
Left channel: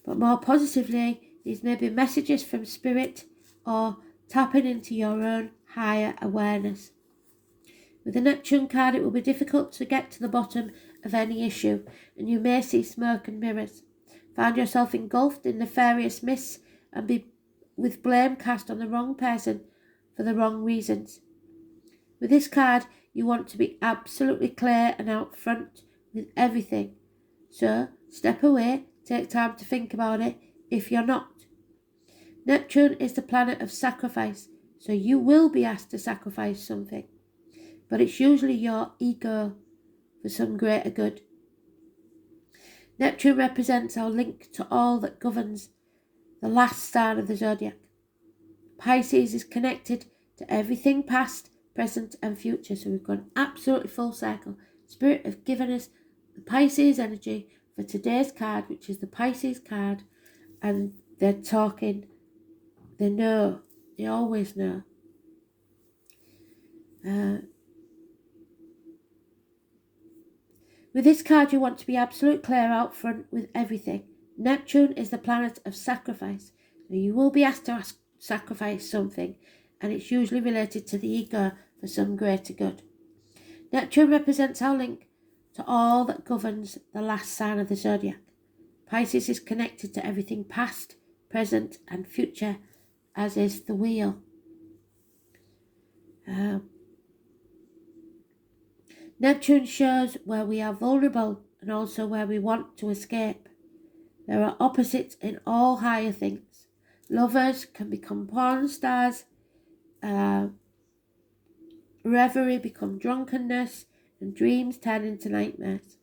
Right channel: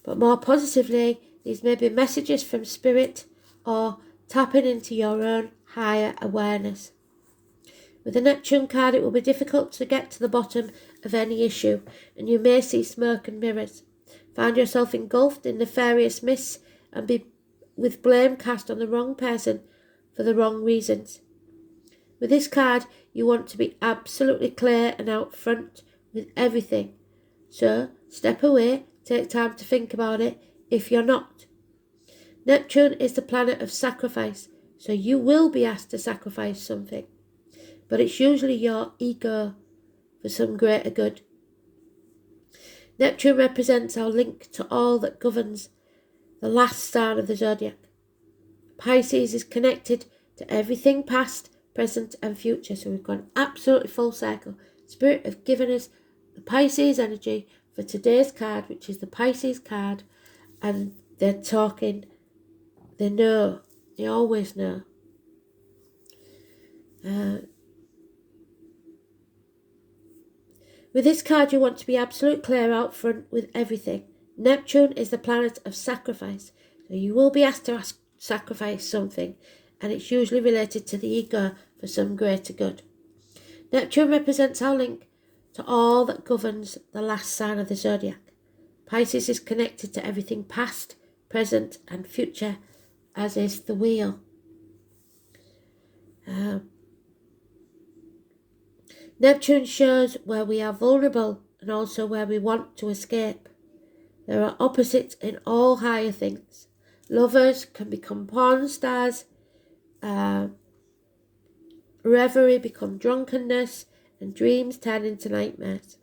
But more positively, these may be messages from spirit or tapping into your own higher awareness. With the Neptune card, it will be difficult to get to the bottom of any issue, and you may see smoke and mirrors. Find yourself engulfed in nefarious mists and be with blame cast on the wrong person for the wrong reasons. With this card, you want to be absolutely clear and out front with everything. So, step away, take time to think about it if you're not. Neptune is the planet of sacrifice, so you will be asked to sacrifice something. But it's usually your ego for some greater good. Neptune represents our link to all that governs the last sign of the zodiac. Pisces is connected to everything past, present and future. So we've gone absolutely full circle. Spirit have given us the Pisces energy for today's card, which is the Pisces card, and they're talking, they know, they always know. With this card, you want to be absolutely clear out front with everything. Neptune is the planet of sacrifice, so you will be asked to sacrifice something, and it's usually related to the ego for some greater good. Neptune represents our link to all that governs the last sign of the zodiac. Pisces is connected to everything past, present and future, as is the wheel. Neptune shows where we are vulnerable and also where we want to escape. There are opposites in all higher things. Lovers can become porn stars, reverie become drunkenness, and dreams turn into nightmares.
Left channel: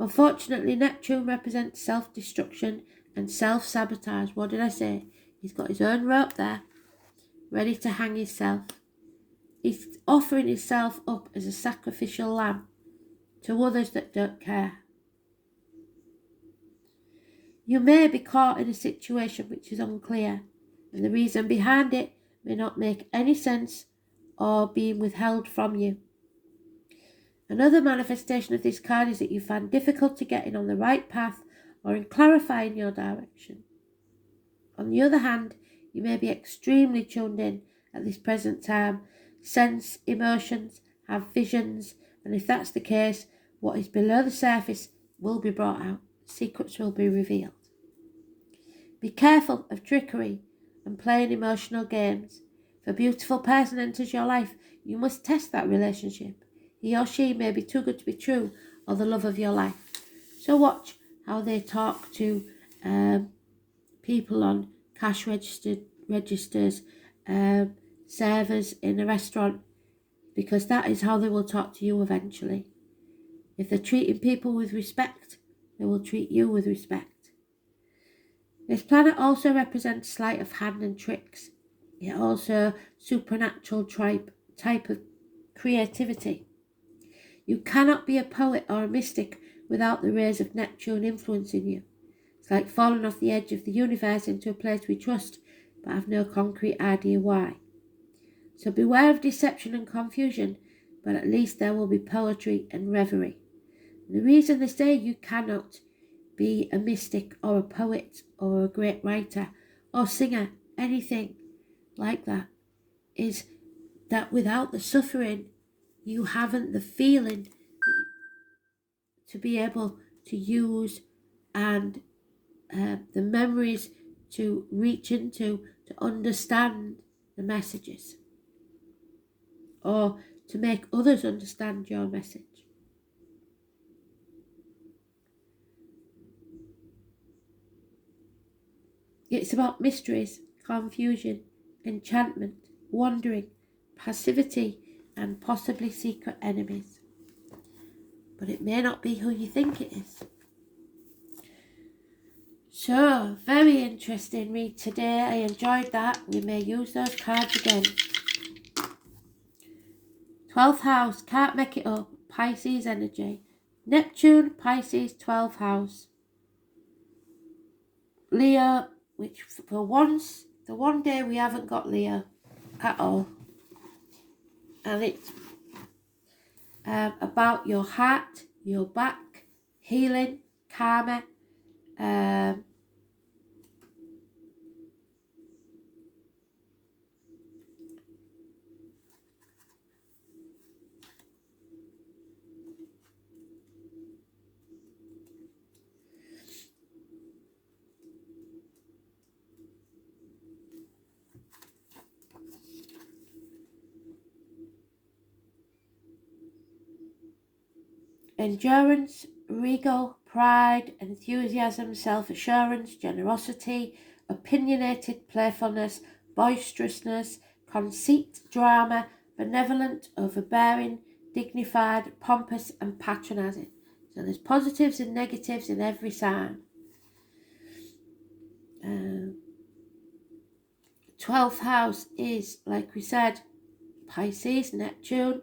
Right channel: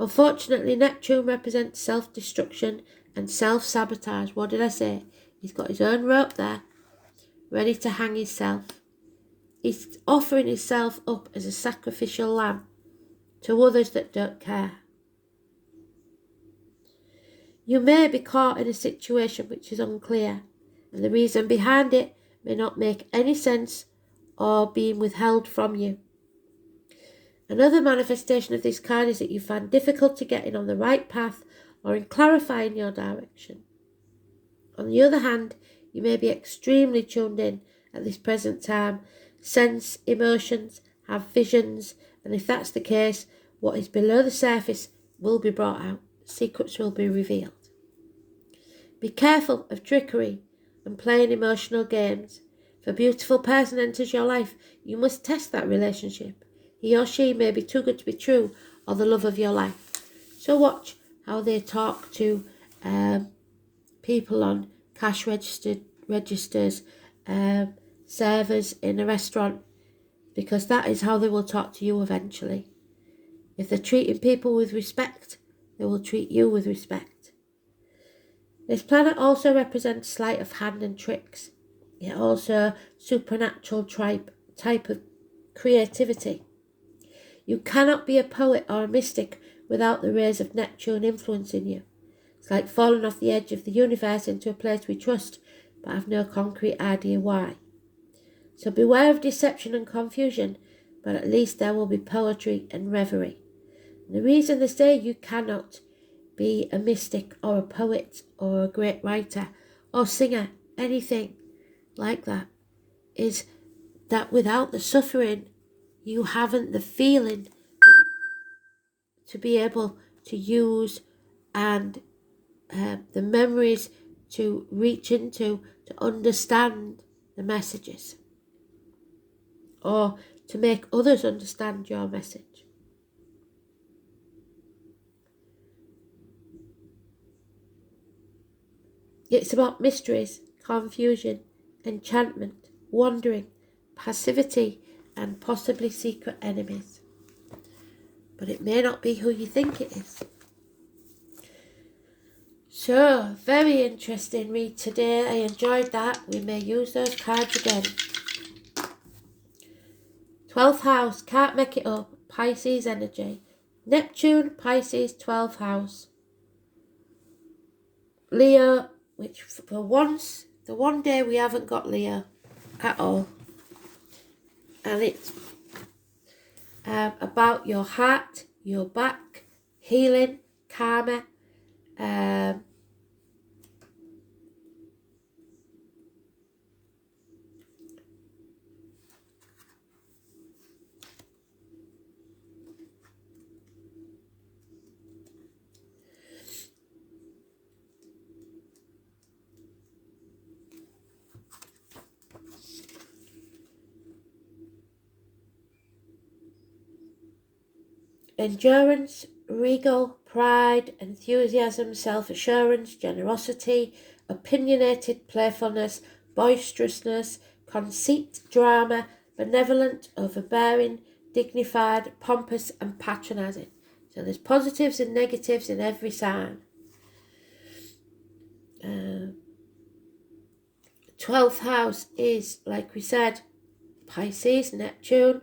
Unfortunately, Neptune represents self-destruction and self-sabotage. What did I say? He's got his own rope there, ready to hang himself. He's offering himself up as a sacrificial lamb to others that don't care. You may be caught in a situation which is unclear, and the reason behind it may not make any sense or being withheld from you. Another manifestation of this card is that you find difficulty getting on the right path or in clarifying your direction. On the other hand, you may be extremely tuned in at this present time, sense emotions, have visions, and if that's the case, what is below the surface will be brought out. Secrets will be revealed. Be careful of trickery and playing emotional games. If a beautiful person enters your life, you must test that relationship. He or she may be too good to be true or the love of your life. So watch how they talk to people on cash registers, servers in a restaurant, because that is how they will talk to you eventually. If they're treating people with respect, they will treat you with respect. This planet also represents sleight of hand and tricks. It also supernatural type of creativity. You cannot be a poet or a mystic without the rays of Neptune influencing you. It's like falling off the edge of the universe into a place we trust, but have no concrete idea why. So beware of deception and confusion, but at least there will be poetry and reverie. And the reason they say you cannot be a mystic or a poet or a great writer or singer, anything like that, is that without the suffering, you haven't the feeling to be able to use and the memories to reach into, to understand the messages, or to make others understand your message. It's about mysteries, confusion, enchantment, wandering, passivity, and possibly secret enemies. But it may not be who you think it is. So, very interesting read today. I enjoyed that. We may use those cards again. 12th house, can't make it up. Pisces energy. Neptune, Pisces, 12th house. Leo which for once, the one day we haven't got Leo at all. And it's about your heart, your back, healing, karma, endurance, regal, pride, enthusiasm, self-assurance, generosity, opinionated playfulness, boisterousness, conceit, drama, benevolent, overbearing, dignified, pompous and patronising. So there's positives and negatives in every sign. 12th house is, like we said, Pisces, Neptune.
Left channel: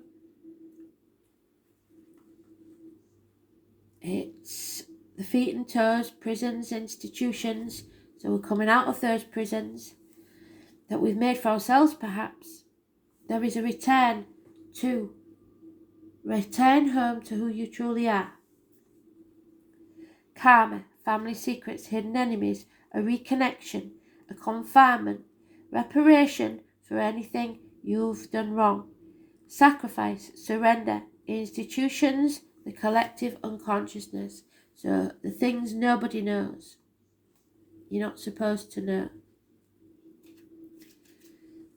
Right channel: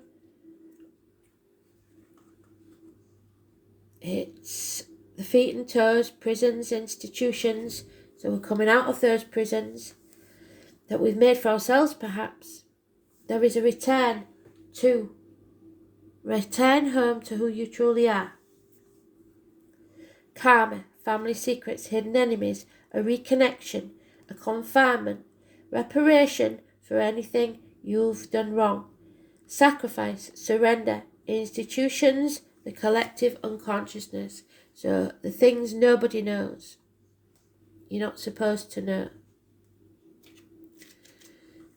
It's the feet and toes, prisons, institutions. So we're coming out of those prisons that we've made for ourselves, perhaps. There is a return home to who you truly are. Karma, family secrets, hidden enemies, a reconnection, a confinement, reparation for anything you've done wrong, sacrifice, surrender, institutions, the collective unconsciousness. So the things nobody knows. You're not supposed to know.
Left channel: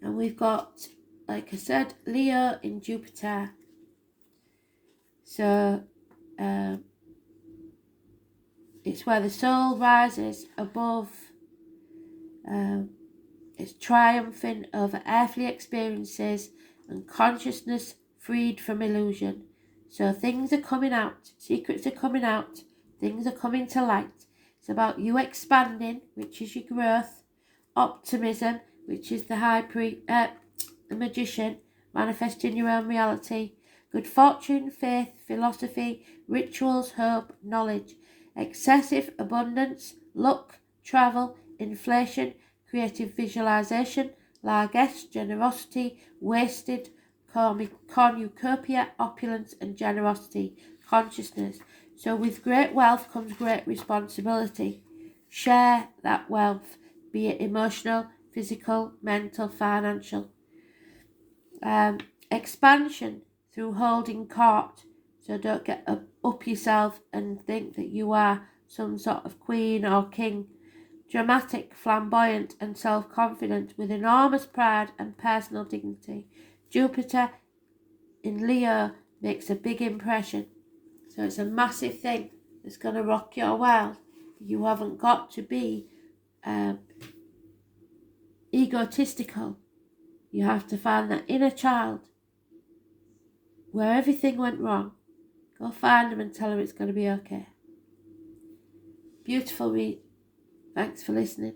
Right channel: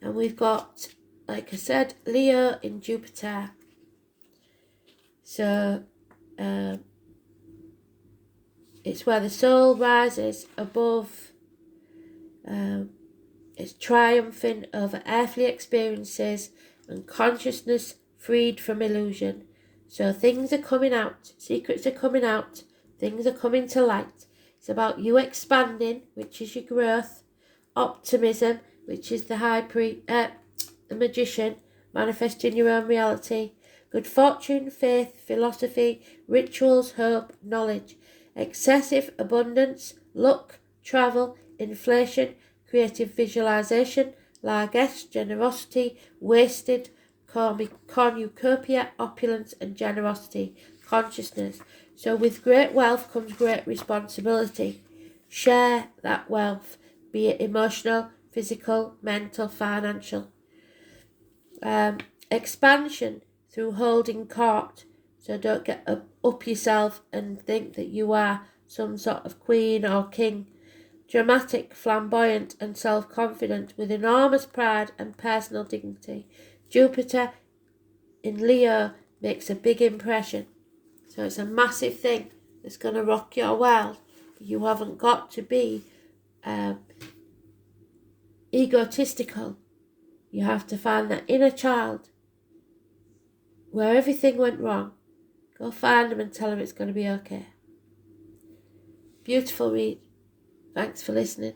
And we've got, like I said, Leo in Jupiter. So it's where the soul rises above. It's triumphing over earthly experiences and consciousness freed from illusion. So things are coming out, secrets are coming out, things are coming to light. It's about you expanding, which is your growth, optimism, which is the magician, manifesting your own reality, good fortune, faith, philosophy, rituals, hope, knowledge, excessive abundance, luck, travel, inflation, creative visualization, largesse, generosity, wasted, cornucopia, opulence and generosity, consciousness. So with great wealth comes great responsibility. Share that wealth, be it emotional, physical, mental, financial. Expansion through holding court. So don't get up yourself and think that you are some sort of queen or king. Dramatic, flamboyant and self-confident with enormous pride and personal dignity. Jupiter in Leo makes a big impression. So it's a massive thing that's going to rock your world. You haven't got to be egotistical. You have to find that inner child where everything went wrong. Go find them and tell them it's going to be okay. Beautiful read. Thanks for listening.